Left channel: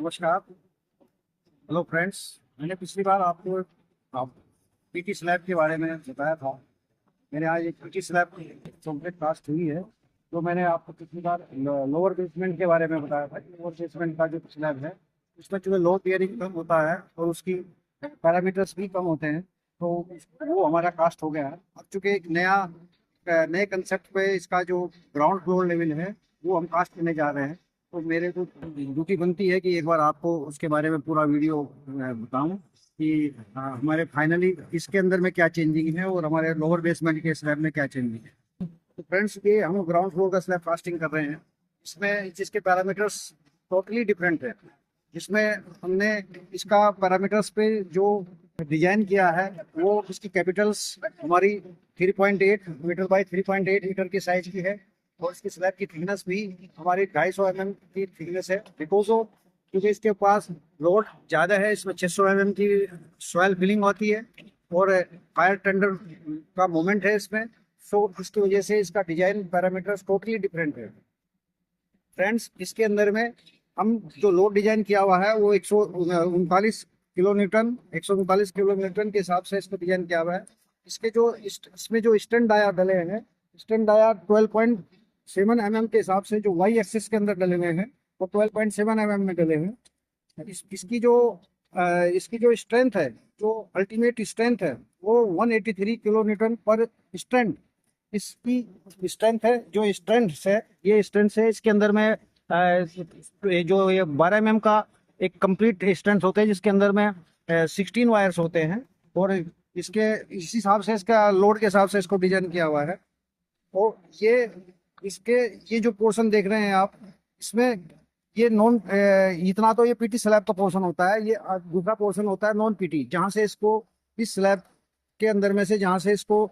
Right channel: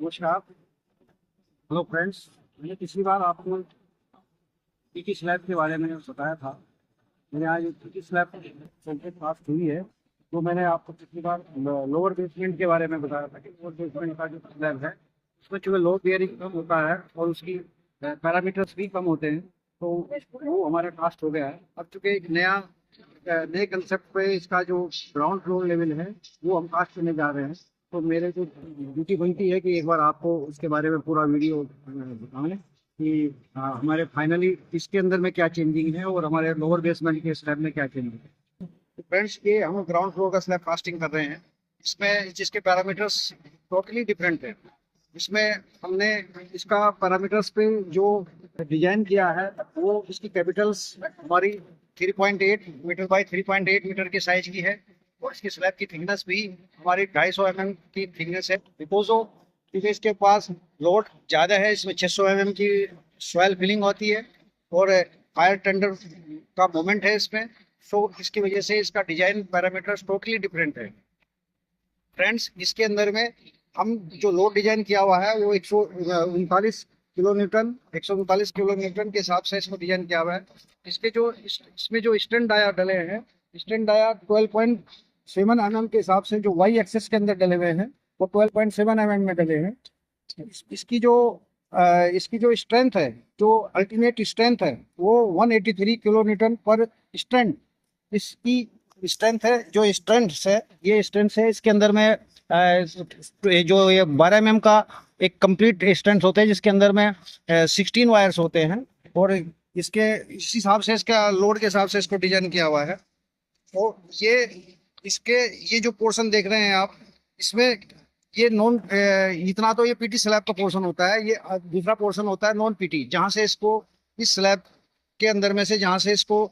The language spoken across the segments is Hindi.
नमस्कार। Hello friends. मैंने पिछली बार आपको आप पीटी स्लैब के बारे में बताया था। मैंने आज एक पीटी स्लैब कंप्लीट कास्ट हुई है। तो मैंने आपको पिछली बार लोअर बेसमेंट के बारे में बताया था कि लोअर बेसमेंट का जो स्लैब है उसमें जो लोड बेयरिंग कम होता है और उसकी पैरामीटर्स भी कम होते हैं। तो वो हमारा कास्ट हो गया है। अब चूंकि एक नए कंसेप्ट पे इसका जो ग्राउंड फ्लोर लेवल है वो हम कास्ट करने जा रहे हैं। तो मेरे को ड्यूटी बनती है कि एक बार आपको उसके बारे में पूरा वीडियो बताऊं कि हमारे फाइनली इसके अंदर में क्या चेंजिंग है और हमारे लोअर बेसमेंट के स्लैब में क्या चेंजिंग है। तो फ्रेंड्स, ये हम ग्राउंड फ्लोर का स्लैब कास्टिंग कर रहे हैं। इसमें जिसके पैरामीटर्स टोटली डिफरेंट है। इसमें हमने इसका पैरामीटर्स पे जो डिजाइन किया है वो इसकी कैपिटल्स हमारी 3.8 मीटर बाई 3.8 मीटर की साइज की है। और इसकी स्लैब की थिकनेस भी हमारी 250 mm की थिकनेस है। बिकॉज ऑफ क्योंकि इसके पास लोड ज़्यादा है, इसमें 600 mm की सॉयल फिलिंग होती है और फायर टेंडर का मोमेंट है इसमें। सो इसकी वजह से इसका डिजाइन पैरामीटर्स टोटली डिफरेंट है। फ्रेंड्स, इसके अंदर में हम जो लोड डिजाइन किया हुआ है वो 139 किलो न्यूटन के हिसाब से इसको डिजाइन किया हुआ है। इसमें जो स्टैंड डाया डले हैं, स्टैंड डाया 12.7 mm के हिसाब से जो वाई एक्सेस के अंदर डले हुए हैं वो 12.7 mm में डले हैं। इसकी जो स्ट्रेंथ है, जो अल्टीमेट स्ट्रेंथ है वो 183 किलो न्यूटन पर स्टैंड इसकी स्ट्रेंथ है। जो स्ट्रेंथ है, ये स्ट्रेंथ है इसके अंदर में जो ये 12 mm का एक कंप्लीट स्ट्रेंथ होता है जिसके अंदर में 16 वायर्स होते हैं। और इस हिसाब से इसका लोड के हिसाब से इसको डिजाइन किया हुआ है। तो ये जो पोर्शन देख रहे हैं आप, इसमें ये नॉन इतना तो ये पीटी स्लैब का पोर्शन होता है। ये दूसरा पोर्शन होता है नॉन पीटी, जहां से इसको इस स्लैब के अंदर में से जहां से इसको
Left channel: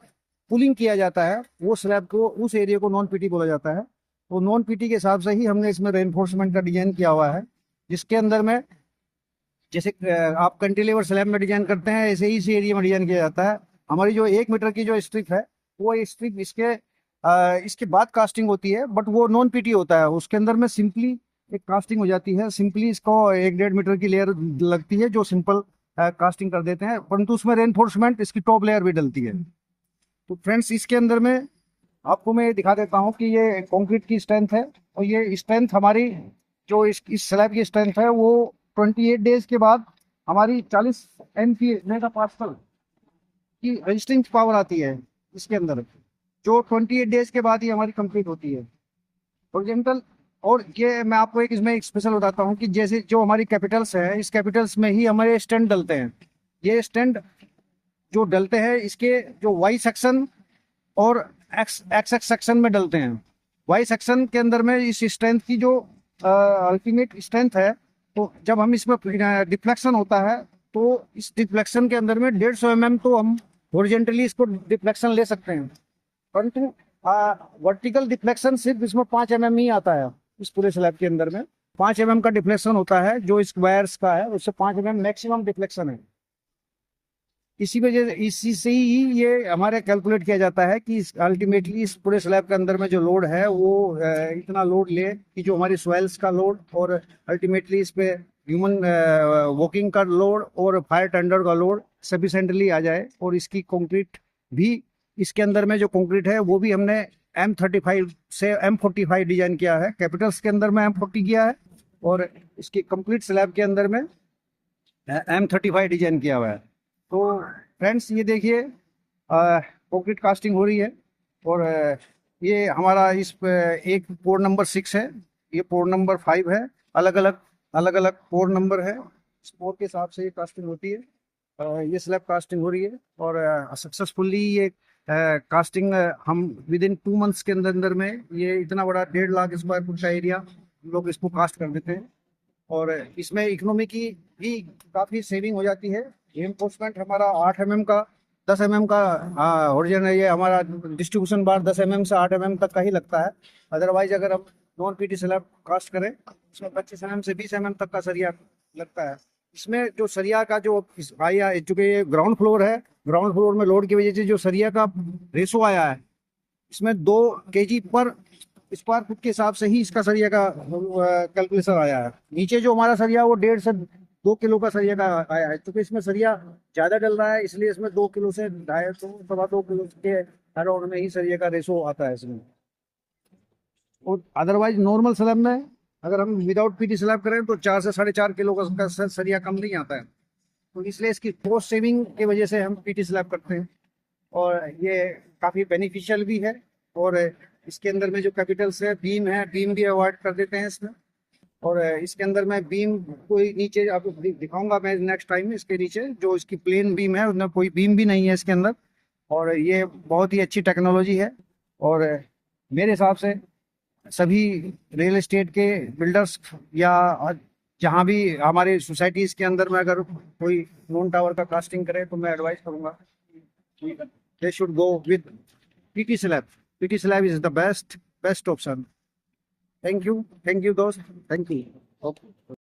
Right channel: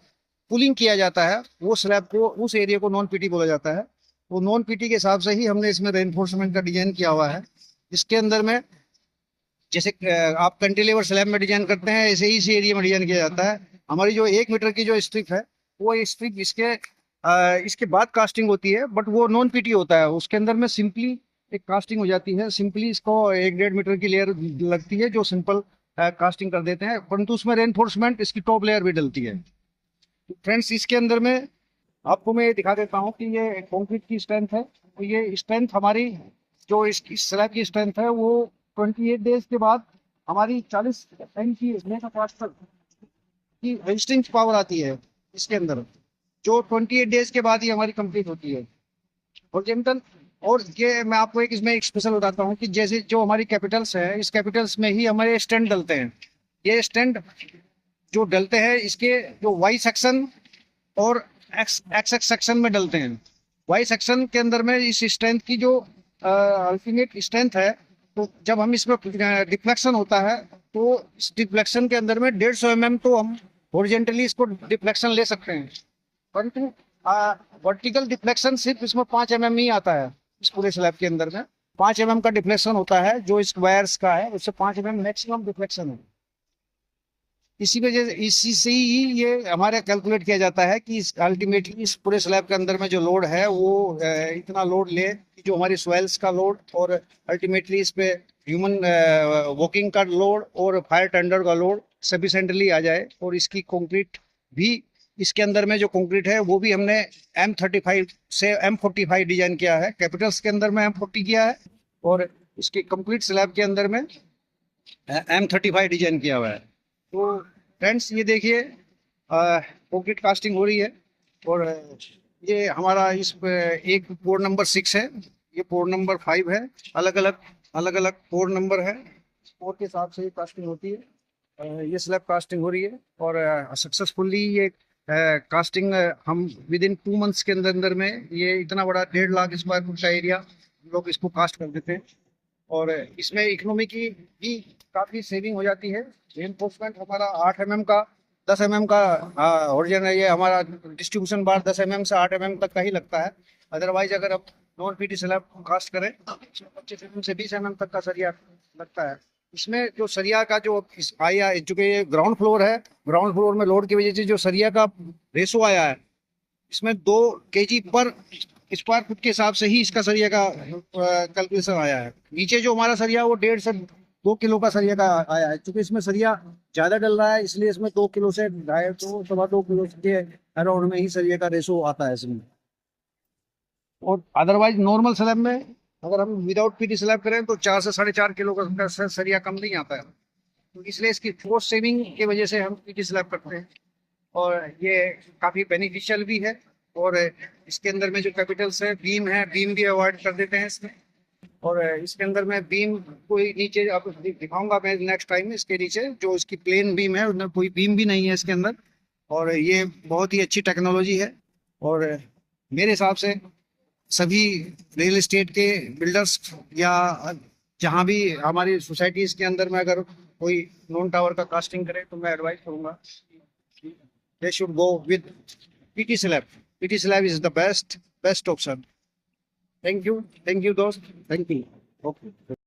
पुलिंग किया जाता है वो स्लैब को, उस एरिया को नॉन पीटी बोला जाता है। वो नॉन पीटी के हिसाब से ही हमने इसमें रेनफोर्समेंट का डिजाइन किया हुआ है। जिसके अंदर में जैसे आप कंटिलेवर स्लैब में डिजाइन करते हैं ऐसे ही इस एरिया में डिजाइन किया जाता है। हमारी जो 1 मीटर की जो स्ट्रिप है वो स्ट्रिप इसके बाद कास्टिंग होती है, बट वो नॉन पीटी होता है। उसके अंदर में सिंपली एक कास्टिंग हो जाती है। सिंपली इसको 1-1.5 मीटर की लेयर लगती है जो सिंपल कास्टिंग कर देते हैं, परंतु उसमें रेनफोर्समेंट इसकी टॉप लेयर भी डलती है। तो फ्रेंड्स, इसके अंदर में आपको मैं दिखा देता हूँ कि ये कंक्रीट की स्ट्रेंथ है। और ये स्ट्रेंथ हमारी जो इस स्लैब की स्ट्रेंथ है वो 28 डेज के बाद हमारी 40 MPa मेगा पास्कल की रजिस्टिंग पावर आती है इसके अंदर, जो 28 डेज के बाद ही हमारी कंप्लीट होती है ओरिजिनल। और ये मैं आपको इसमें एक स्पेशल बताता हूँ कि जैसे जो हमारी कैपिटल्स है, इस कैपिटल्स में ही हमारे स्टैंड डलते हैं। ये स्टैंड जो डलते हैं इसके जो वाई सेक्शन और एक्स सेक्शन में डलते हैं। वाई सेक्शन के अंदर में इस स्ट्रेंथ की जो अल्टीमेट स्ट्रेंथ है, तो जब हम इसमें डिफ्लेक्शन होता है तो इस डिफ्लेक्शन के अंदर में 150 mm तो हम हॉरिजॉन्टली इसको डिफ्लेक्शन ले सकते हैं, परंतु वर्टिकल डिफ्लेक्शन सिर्फ इसमें 5 mm ही आता है। इस पूरे स्लैब के अंदर में 5 mm का डिफ्लेक्शन होता है जो इस वायर्स का है, उससे 5 mm मैक्सिमम डिफ्लेक्शन है। इसी से ही ये हमारे कैलकुलेट किया जाता है कि अल्टीमेटली इस पूरे स्लैब के अंदर में जो लोड है वो इतना लोड ले कि जो हमारी सॉइल्स का लोड और अल्टीमेटली इस पे ह्यूमन वॉकिंग का लोड और फायर टेंडर का लोड सफिशेंटली आ जाए। और इसकी कंक्रीट भी, इसके अंदर में जो कंक्रीट है वो भी हमने M35 से M45 डिजाइन किया है। कैपिटल्स के अंदर में M40 किया है और इसकी कंप्लीट स्लैब के अंदर में M35 डिजाइन किया हुआ है। तो फ्रेंड्स, ये देखिए कंक्रीट कास्टिंग हो रही है। और ये हमारा एक पोर नंबर 6 है, ये पोर नंबर 5 है। अलग अलग पोर नंबर है। इस पोर के हिसाब से ये कास्टिंग होती है। ये स्लैब कास्टिंग हो रही है और सक्सेसफुली ये कास्टिंग हम विद इन 2 मंथ्स के अंदर में ये इतना बड़ा 1.5 लाख स्क्वायर फुट का एरिया लोग इसको कास्ट कर देते हैं। और इसमें इकोनॉमी की भी काफ़ी सेविंग हो जाती है। रेनफोर्समेंट हमारा 8 mm का 10 mm का ओरिजिन है। ये हमारा डिस्ट्रीब्यूशन बार 10 mm से 8 mm तक का ही लगता है। अदरवाइज अगर हम नॉन पीटी स्लैब कास्ट करें इसमें 25 mm से 20 mm तक का सरिया लगता है। इसमें जो सरिया का जो आया, चूंकि ये ग्राउंड फ्लोर है, ग्राउंड फ्लोर में लोड की वजह से जो सरिया का रेशो आया है इसमें 2 kg पर स्क्वायर फुट के हिसाब से ही इसका सरिया का कैलकुलेशन आया है। नीचे जो हमारा सरिया वो 1.5 से 2 किलो का सरिया का आया है, क्योंकि इसमें सरिया ज्यादा डल रहा है, इसलिए इसमें 2 किलो से 2.5 तो 2.25 किलो के अराउंड में ही सरिया का रेशो आता है इसमें। और अदरवाइज नॉर्मल स्लैब में अगर हम विदाउट पीटी स्लैब करें तो 4 से 4.5 किलो का सरिया कम नहीं आता है। तो इसलिए इसकी कॉस्ट सेविंग की वजह से हम पीटी स्लैब करते हैं, और ये काफ़ी बेनिफिशियल भी है। और इसके अंदर में जो कैपिटल्स है बीम भी अवॉइड कर देते हैं इसमें। और इसके अंदर में बीम कोई नीचे आपको दिखाऊंगा मैं नेक्स्ट टाइम। इसके नीचे जो इसकी प्लेन बीम है उसमें कोई बीम भी नहीं है इसके अंदर, और ये बहुत ही अच्छी टेक्नोलॉजी है। और मेरे हिसाब से सभी रियल एस्टेट के बिल्डर्स या जहाँ भी हमारे सोसाइटीज के अंदर में अगर कोई नॉन टावर का कास्टिंग करे तो मैं एडवाइस करूंगा they should go with PT slab. PT slab is the best option. Thank you दोस्त, thank you. Okay.